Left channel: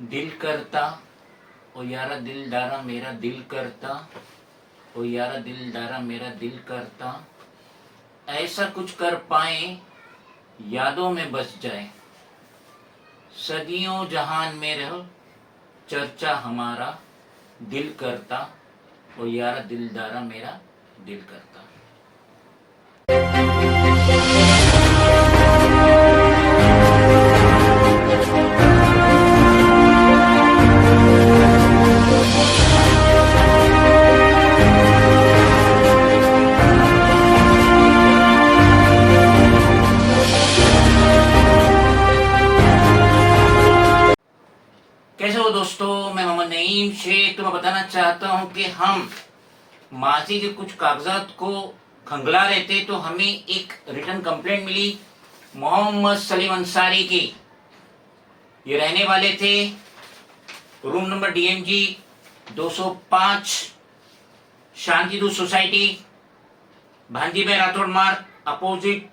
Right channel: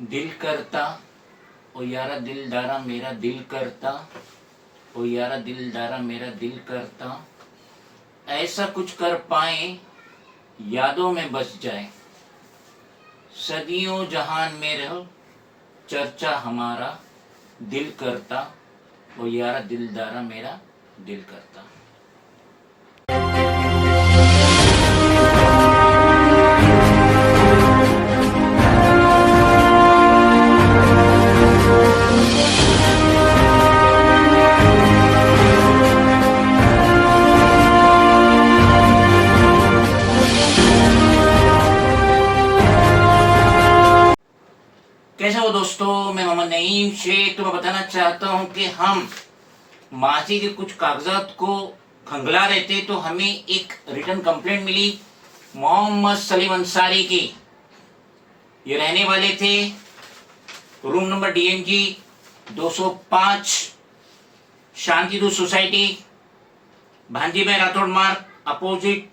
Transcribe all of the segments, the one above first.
दिल करता ओ यारा दिलदारा मेरा दिल करता, ओ यारा दिलदारा मेरा दिल करता, ऐसा कुछ कर पाए यादों में बस जाए, सदियों जहान में रहो चर्चा हमारा, दिल करता ओ यारा दिलदारा मेरा दिल करता। कैसे हो दोस्तों, मैं मोहम्मद नईम शेख। तो मैं बताना चाहता हूं कि हम माजी के कुछ कागजात को खंगला रहे थे तो हमें एक रिटर्न कंप्लेंट मिली मोहम्मद सलीम अंसारी की। ये रहने वाले थे रूम नंबर DMG 205 शांतिदूत सोसाइटी, भांजी भाई राठौड़ मार्ग, अपोजिट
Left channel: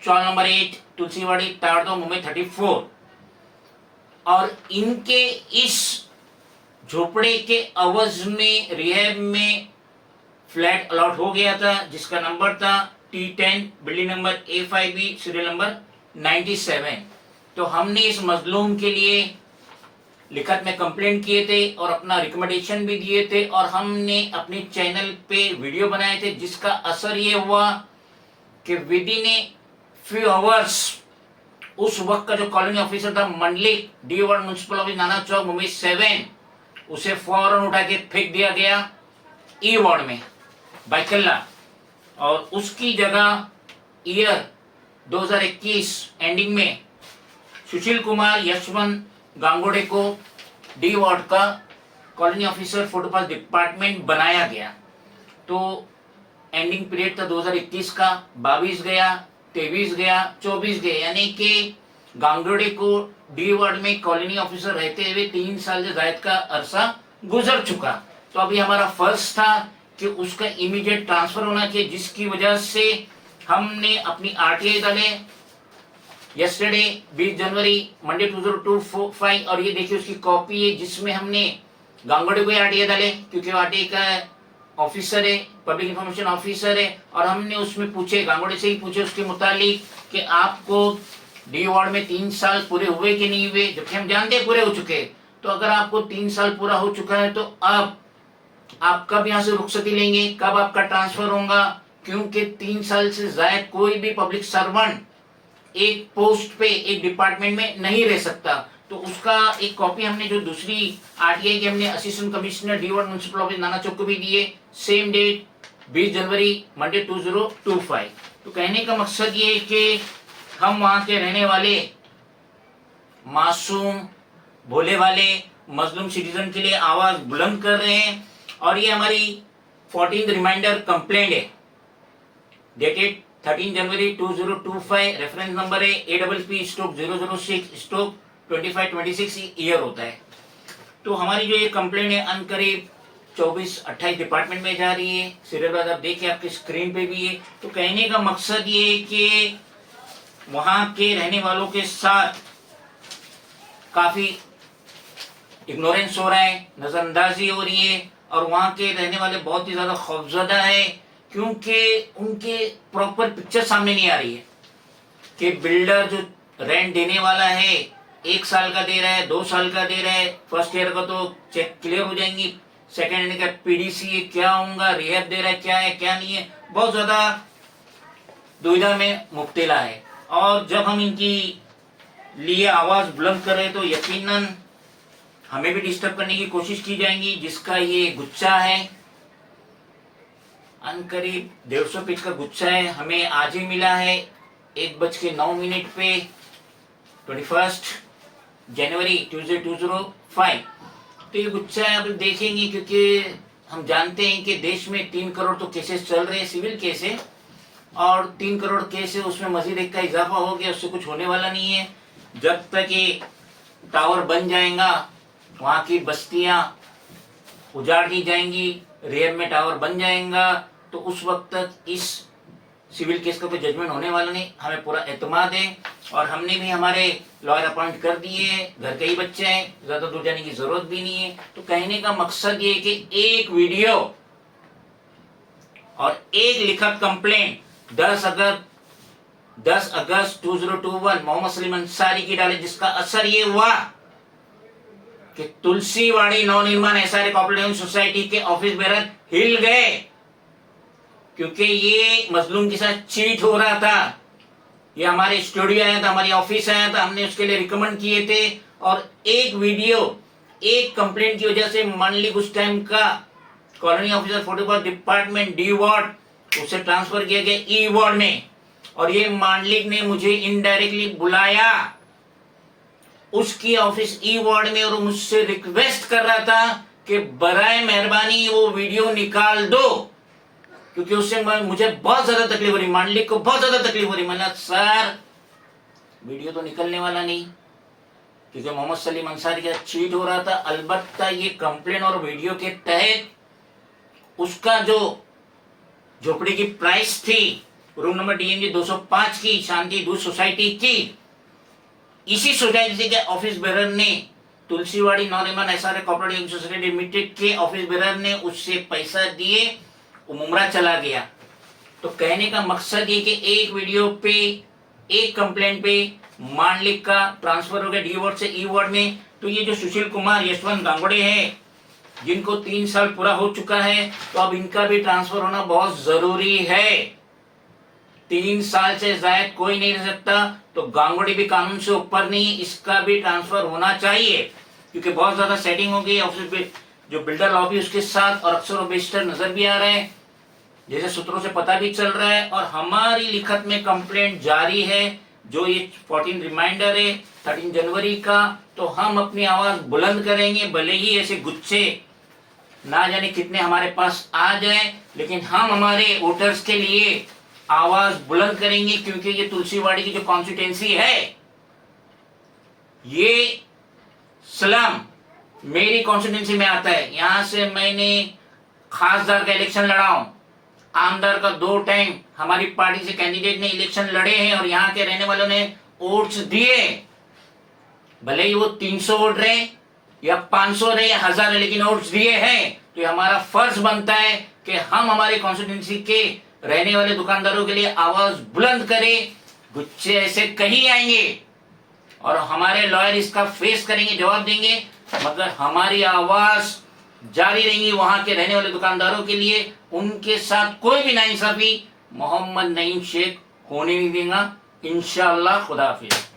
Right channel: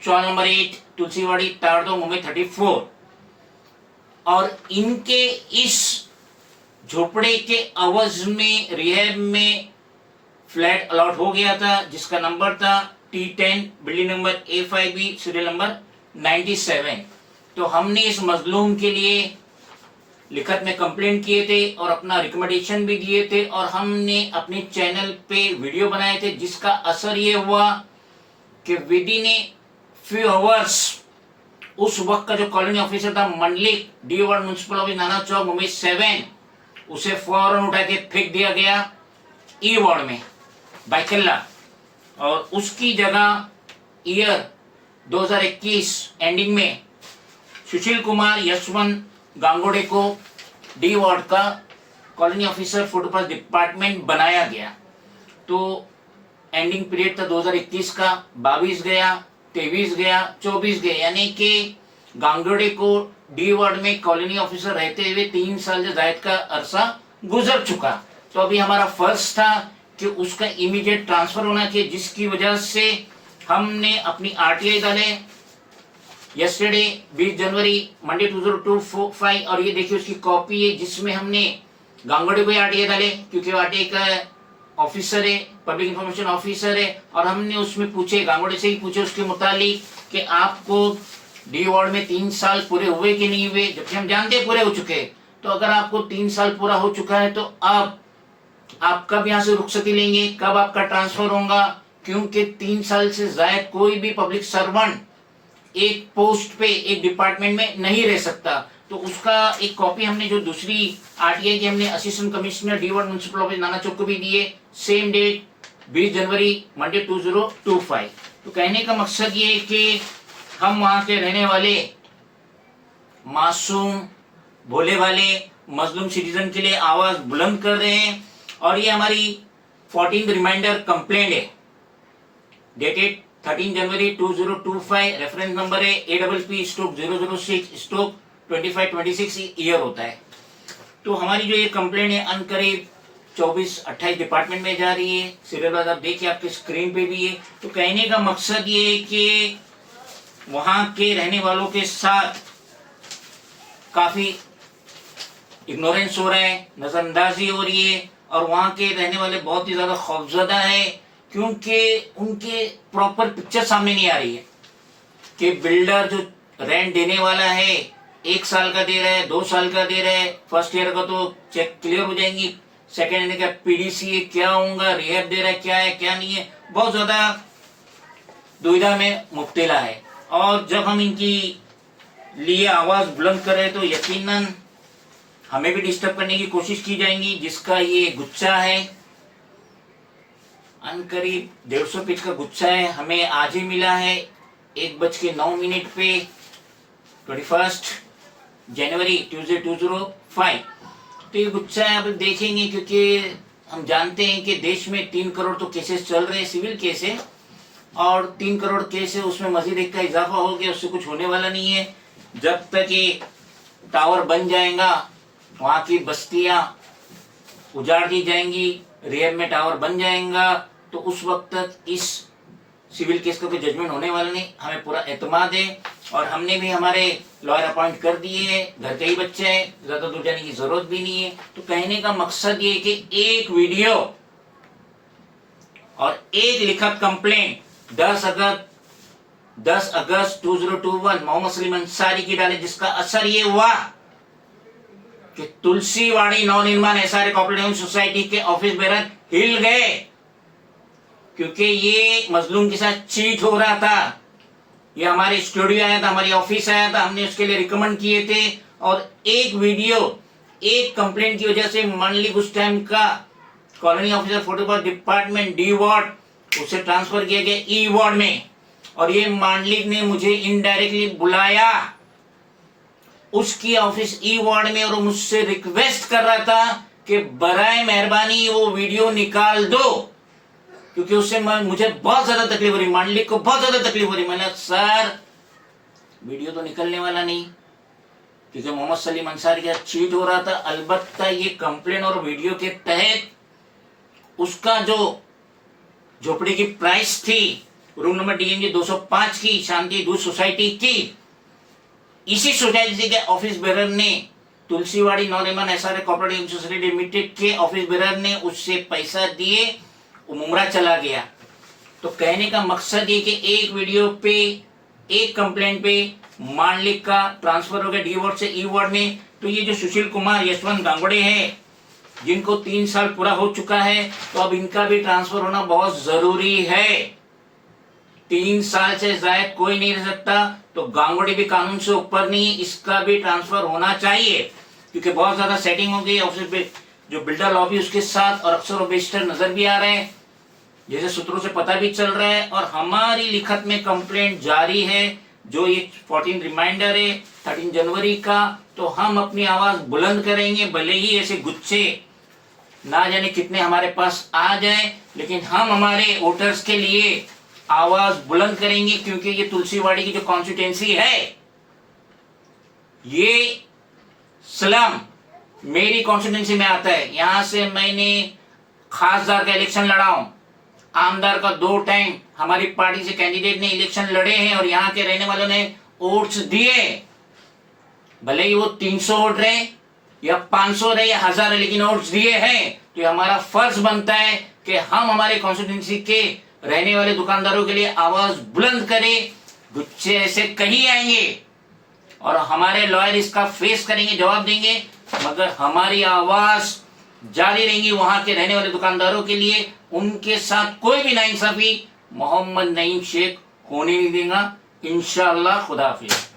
चौक नंबर 8 तुलसीवाड़ी ताड़दो मुंबई 34। और इनके इस झोपड़े के अवज में रिहैब में फ्लैट अलॉट हो गया था जिसका नंबर था T10 building number A5B serial number 97। तो हमने इस मजलूम के लिए लिखत में कंप्लेंट किए थे और अपना रिकमेंडेशन भी दिए थे और हमने अपने चैनल पे वीडियो बनाए थे, जिसका असर ये हुआ कि with in a few hours उस वक्त का जो कॉलोनी ऑफिसर था Mandlik D ward municipal office नाना चौक मुंबई 7, उसे फौरन उठा के फेंक दिया गया E वार्ड में बाइकल्ला, और उसकी जगह ईयर 2021 एंडिंग में सुशील कुमार यशवंत गांगोड़े को D वार्ड का कॉलोनी ऑफिसर फुटपाथ डिपार्टमेंट बनाया गया। तो एंडिंग पीरियड था 2021 का, 22 गया, 23 गया, 24 गया, यानी कि गांगोड़े को D वार्ड में कॉलोनी ऑफिसर रहते हुए 3 साल से ज्यादा का अरसा गुजर चुका। तो अभी हमारा फर्ज था कि उसका इमीडिएट ट्रांसफर होना चाहिए, जिसकी वजह से हमने अपनी RTI डाले यस्टरडे 20 जनवरी मंडे 2025। और ये देखिए उसकी कॉपी है जिसमें हमने गांगोड़े को RTI डाले क्योंकि RTI का ऑफिसर है, पब्लिक इंफॉर्मेशन ऑफिसर है, और हमने उसमें पूछे, गांगोड़े से ही पूछे उसके मुतालिक कि आपको D वार्ड में 3 साल पूरे हुए कि नहीं हुए, जबकि हम जानते हैं पूरे हो चुके। तो अगर आपको 3 साल पूरा हो चुका है तो अब आप कब यहाँ से रुखसती लेंगे, कब आपका ट्रांसफर होगा, क्योंकि 3 साल से ज्यादा कोई भी पब्लिक सर्वेंट एक पोस्ट पे एक डिपार्टमेंट में नहीं रह सकता। तो उसका एक कॉपी हमने जो दूसरी RTI की हमने assistant commissioner D ward municipal office नाना चौक को भी दिए, सेम डेट 20 जनवरी मंडे 2025। तो कहने का मकसद ये है कि हम वहां के रहने वाले मासूम भोले वाले मजलूम सिटीजन के लिए आवाज बुलंद कर रहे हैं। और ये हमारी 14th रिमाइंडर कंप्लेंट है डेटेड 13 जनवरी 2025, रेफरेंस नंबर है APP/006/2526 ईयर होता है। तो हमारी जो ये कंप्लेंट है अनकरीब 24-28 डिपार्टमेंट में जा रही है। सीरियल नंबर आप देखिए आपके स्क्रीन पे भी है। तो कहने का मकसद ये है कि वहां के रहने वालों के साथ काफी इग्नोरेंस हो रहा है, नजरअंदाजी हो रही है, और वहां के रहने वाले बहुत ही ज्यादा खौफजदा है क्योंकि उनके प्रॉपर पिक्चर सामने नहीं आ रही है कि बिल्डर जो रेंट देने वाला है 1 साल का दे रहा है, 2 साल का दे रहा है, फर्स्ट ईयर का तो चेक क्लियर हो जाएंगी, सेकेंड ईयर का PDC है क्या होगा, रिहैब दे रहा है क्या नहीं है, बहुत ज्यादा दुविधा में मुब्तला है। और जब हम इनकी लिए आवाज बुलंद कर रहे हैं तो यकीनन हमें भी डिस्टर्ब करने की कोशिश की जाएंगी, जिसका ये गुच्छा है अनकरीब 150 पेज का गुच्छा है। हमें आज ही मिला है 1:09 पे 21 जनवरी ट्यूजडे 2005। तो ये गुच्छा है, अब देखेंगे क्योंकि हम जानते हैं कि देश में 3 करोड़ तो केसेस चल रहे हैं, सिविल केस है, और 3 करोड़ केस है, उसमें मजीद एक का इजाफा हो गया, उससे कुछ होने वाला नहीं है। जब तक ये टावर बन जाएगा, वहां की बस्तियां उजाड़ दी जाएंगी, रेयर में टावर बन जाएगा, तो उस वक्त तक इस सिविल केस का कोई जजमेंट होने वाला नहीं, हमें पूरा एतमाद है। और हमने भी हमारे लॉयर अपॉइंट कर दिए हैं, घर के ही बच्चे हैं, ज्यादा दूर जाने की जरूरत भी नहीं है। तो कहने का मकसद ये कि एक वीडियो और एक लिखित कंप्लेंट 10 अगस्त 2021 मोहम्मद सलीम अंसारी की डाले, जिसका असर ये हुआ कि Tulsiwadi Navnirman SR cooperative society के ऑफिस बेरर हिल गए, क्योंकि ये मजलूम के साथ चीट हो रहा था। ये हमारे स्टूडियो आया था, हमारी ऑफिस आया था, हमने उसके लिए रिकमेंड किए थे। और एक वीडियो, एक कंप्लेंट की वजह से मांडलिक उस टाइम का colony officer 44 department D ward, उसे ट्रांसफर किया गया ई वार्ड में। और ये मांडलिक ने मुझे इनडायरेक्टली बुलाया उसकी ऑफिस ई वार्ड में, और मुझसे रिक्वेस्ट कर रहा था कि बराए मेहरबानी वो वीडियो निकाल दो, क्योंकि उससे मुझे बहुत ज्यादा तकलीफ हो रही, मांडलिक को बहुत ज्यादा तकलीफ हो रही। मैंने सर वीडियो तो निकलने वाला नहीं, क्योंकि मोहम्मद सलीम अंसारी का चीट हो रहा था। अलबत्ता ये कंप्लेन और वीडियो के तहत उसका जो झोपड़ी की प्राइस थी, रूम नंबर DNG 205 की, शांति दूत सोसाइटी की, इसी सोसाइटी के ऑफिस बेरर ने, Tulsiwadi Navnirman SR cooperative society limited के ऑफिस बेरर ने उससे पैसा दिए, वो मुमरा चला गया। तो कहने का मकसद ये कि एक वीडियो पे, एक कंप्लेंट पे मांडलिक का ट्रांसफर हो गया डी वार्ड से ई वार्ड में। तो ये जो सुशील कुमार यशवंत गांगुड़े हैं, जिनको 3 साल पूरा हो चुका है, तो अब इनका भी ट्रांसफर होना बहुत जरूरी है। 3 साल से ज्यादा कोई नहीं रह सकता, तो गांगुड़ी भी कानून से ऊपर नहीं, इसका भी ट्रांसफर होना चाहिए, क्योंकि बहुत ज्यादा सेटिंग हो गई ऑफिस पे, जो बिल्डर लॉबी उसके साथ, और अक्सर बेस्टर नजर भी आ रहे हैं, जैसे सूत्रों से पता भी चल रहा है। और हमारी लिखत में कंप्लेंट जारी है, जो ये 14 रिमाइंडर है 13 जनवरी का। तो हम अपनी आवाज बुलंद करेंगे, भले ही ऐसे गुच्छे ना जाने कितने हमारे पास आ जाए, लेकिन हम हमारे वोटर्स के लिए आवाज बुलंद करेंगे, क्योंकि ये तुलसीवाड़ी की जो कॉन्स्टिट्यूंसी है, ये स्लम मेरी कॉन्स्टिट्यूंसी में आता है। यहां से मैंने खासदार का इलेक्शन लड़ा हूं, आमदार का 2 टाइम हमारी पार्टी से कैंडिडेट ने इलेक्शन लड़े हैं, और यहाँ के रहने वालों ने वोट्स दिए, भले ही वो 300 वोट रहे या 500 रहे या 1000 रहे, लेकिन वोट्स दिए हैं। तो हमारा फर्ज बनता है कि हम हमारे कॉन्स्टिट्यूंसी के रहने वाले दुकानदारों के लिए आवाज बुलंद करें। गुच्छे ऐसे कहीं आएंगे और हमारे लॉयर इसका फेस करेंगे, जवाब देंगे, मगर हमारी आवाज जारी रहेंगी वहां के रहने वाले दुकानदारों के लिए। उनके साथ कोई भी नाइंसाफी मोहम्मद नईम शेख होने नहीं देगा, इंशाअल्लाह। खुदा हाफिज।